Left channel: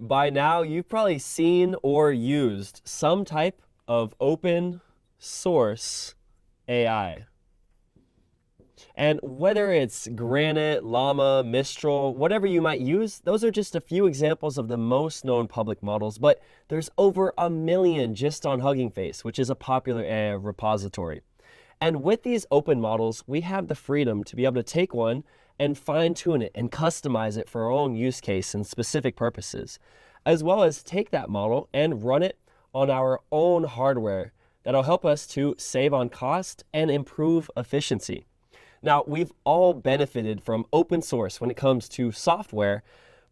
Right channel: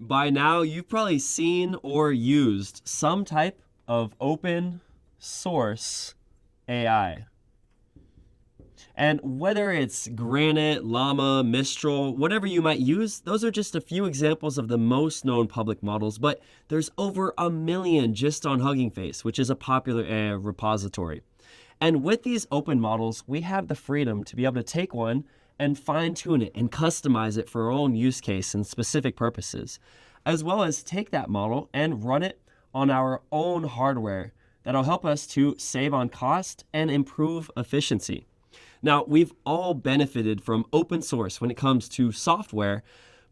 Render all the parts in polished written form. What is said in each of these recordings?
By now, you've probably seen or used some type of open source AI. And whether it's Granite, Llama, Mistral, whatever you might use, those are just a few examples of the most known public models, but there's over 1 million just on Hugging Face, which is a popular AI repository. And with these open models, we have the freedom to be able to take one and fine tune it and customize it for our own use case and specific purposes, as well as take that model and run it on our own hardware that'll help us to save on cost and improve efficiency. Now, we've all benefited from open source when it comes to software,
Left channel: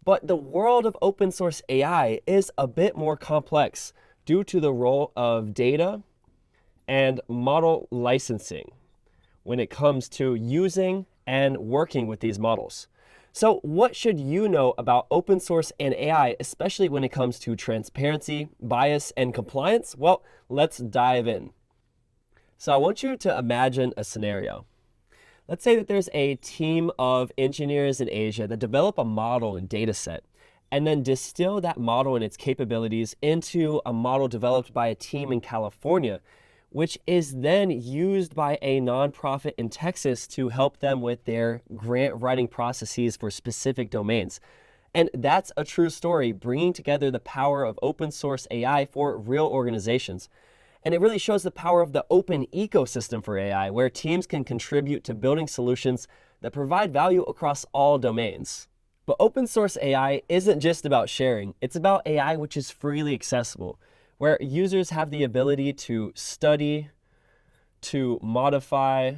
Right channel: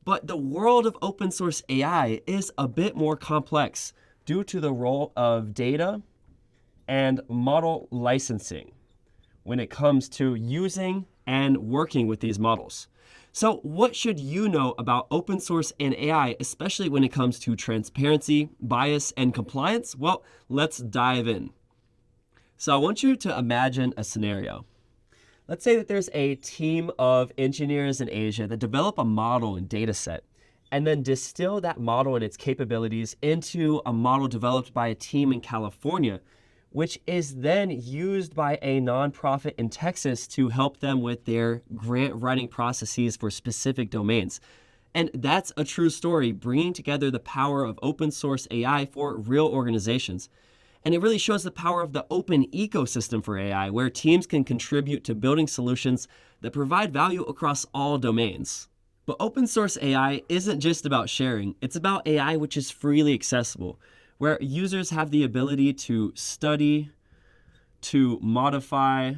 but the world of open source AI is a bit more complex due to the role of data and model licensing when it comes to using and working with these models. So what should you know about open source and AI, especially when it comes to transparency, bias, and compliance? Well, let's dive in. So I want you to imagine a scenario. Let's say that there's a team of engineers in Asia that develop a model and data set, and then distill that model and its capabilities into a model developed by a team in California, which is then used by a nonprofit in Texas to help them with their grant writing processes for specific domains. And that's a true story, bringing together the power of open source AI for real organizations. And it really shows the power of the open ecosystem for AI, where teams can contribute to building solutions that provide value across all domains. But open source AI isn't just about sharing, it's about AI which is freely accessible, where users have the ability to study, to modify,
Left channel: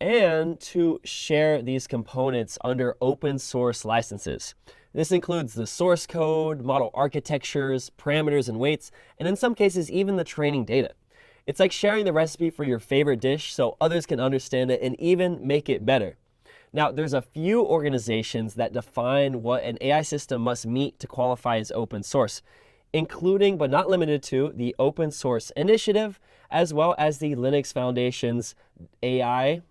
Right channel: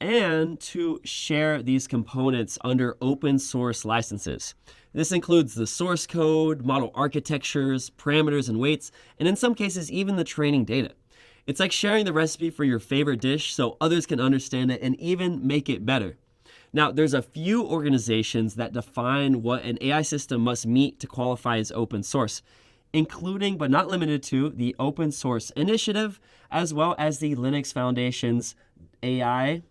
and to share these components under open source licenses. This includes the source code, model architectures, parameters and weights, and in some cases, even the training data. It's like sharing the recipe for your favorite dish so others can understand it and even make it better. Now, there's a few organizations that define what an AI system must meet to qualify as open source, including but not limited to the Open Source Initiative, as well as the Linux Foundation's AI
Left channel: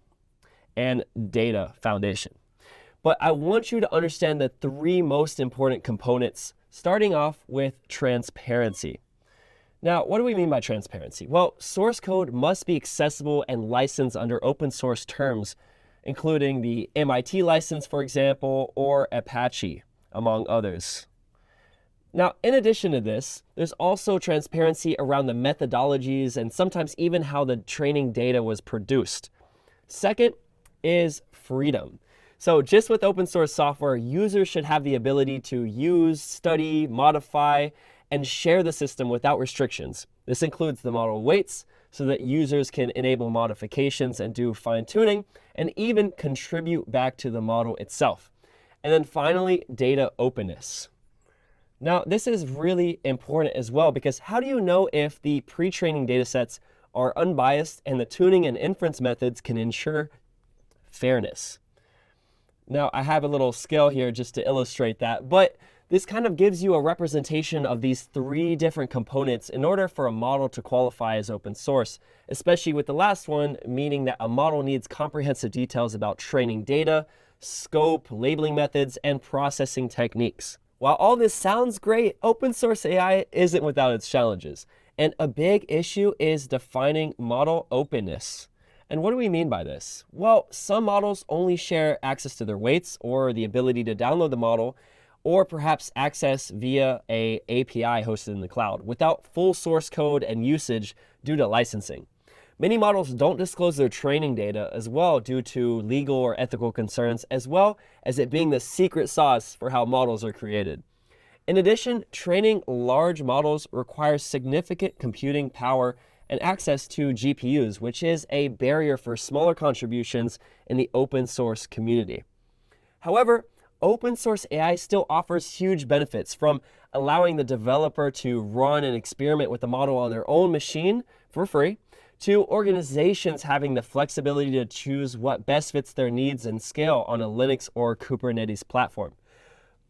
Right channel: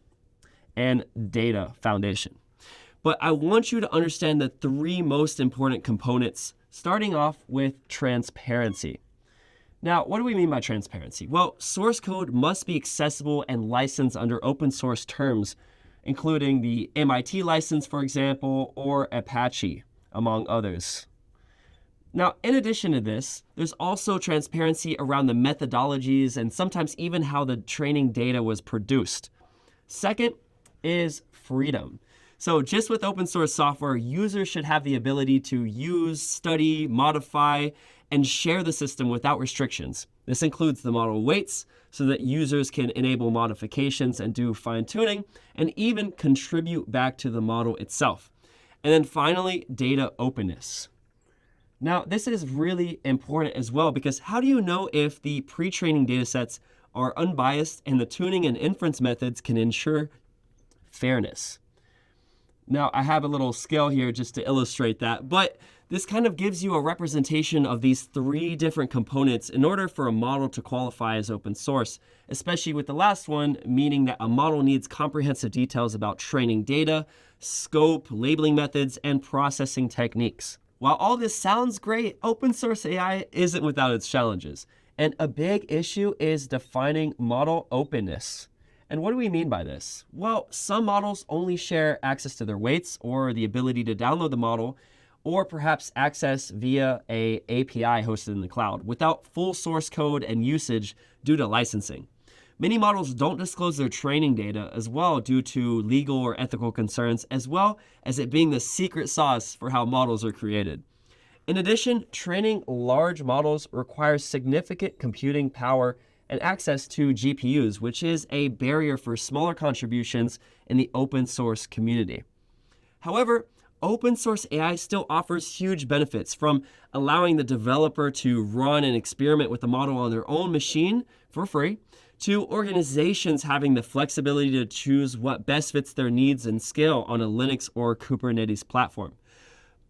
and Data Foundation. But I want you to understand the three most important components, starting off with transparency. Now, what do we mean by transparency? Well, source code must be accessible and licensed under open source terms, including the MIT license, for example, or Apache, among others. Now, in addition to this, there's also transparency around the methodologies and sometimes even how the training data was produced. Second is freedom. So just with open source software, users should have the ability to use, study, modify, and share the system without restrictions. This includes the model weights so that users can enable modifications and do fine-tuning and even contribute back to the model itself. And then finally, data openness. Now, this is really important as well because how do you know if the pre-training data sets are unbiased and the tuning and inference methods can ensure fairness? Now, I have a little scale here just to illustrate that, but this kind of gives you a representation of these three different components in order for a model to qualify as open source, especially with the last one, meaning that a model needs comprehensive details about training data, scope, labeling methods, and processing techniques. While all this sounds great, open source AI isn't without its challenges, and a big issue is defining model openness. And what do we mean by this? Well, some models only share access to their weights or the ability to download the model, or perhaps access via an API hosted in the cloud without full source code and usage due to licensing. Many models don't disclose their training data as well due to legal or ethical concerns, as well as it being the secret sauce for how models are created. In addition, training large models requires significant computing power and access to GPUs, which is a barrier for smaller contributions in the open source community. However, open source AI still offers huge benefits, from allowing the developer to run and experiment with the model on their own machine for free, to organizations having the flexibility to choose what best fits their needs and scale on a Linux or Kubernetes platform.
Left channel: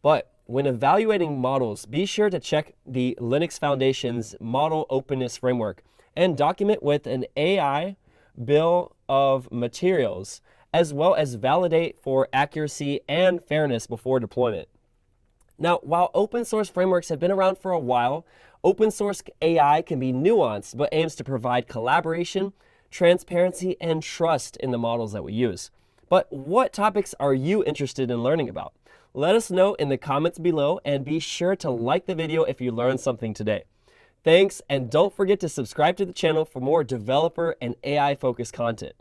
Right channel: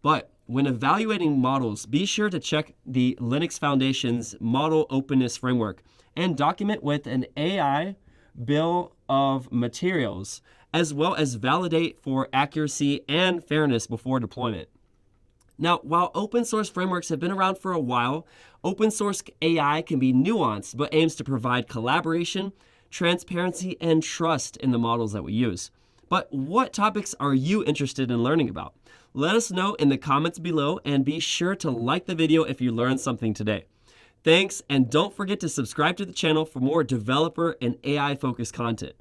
But when evaluating models, be sure to check the Linux Foundation's Model Openness Framework and document with an AI bill of materials, as well as validate for accuracy and fairness before deployment. Now, while open source frameworks have been around for a while, open source AI can be nuanced but aims to provide collaboration, transparency, and trust in the models that we use. But what topics are you interested in learning about? Let us know in the comments below, and be sure to like the video if you learned something today. Thanks, and don't forget to subscribe to the channel for more developer and AI focused content.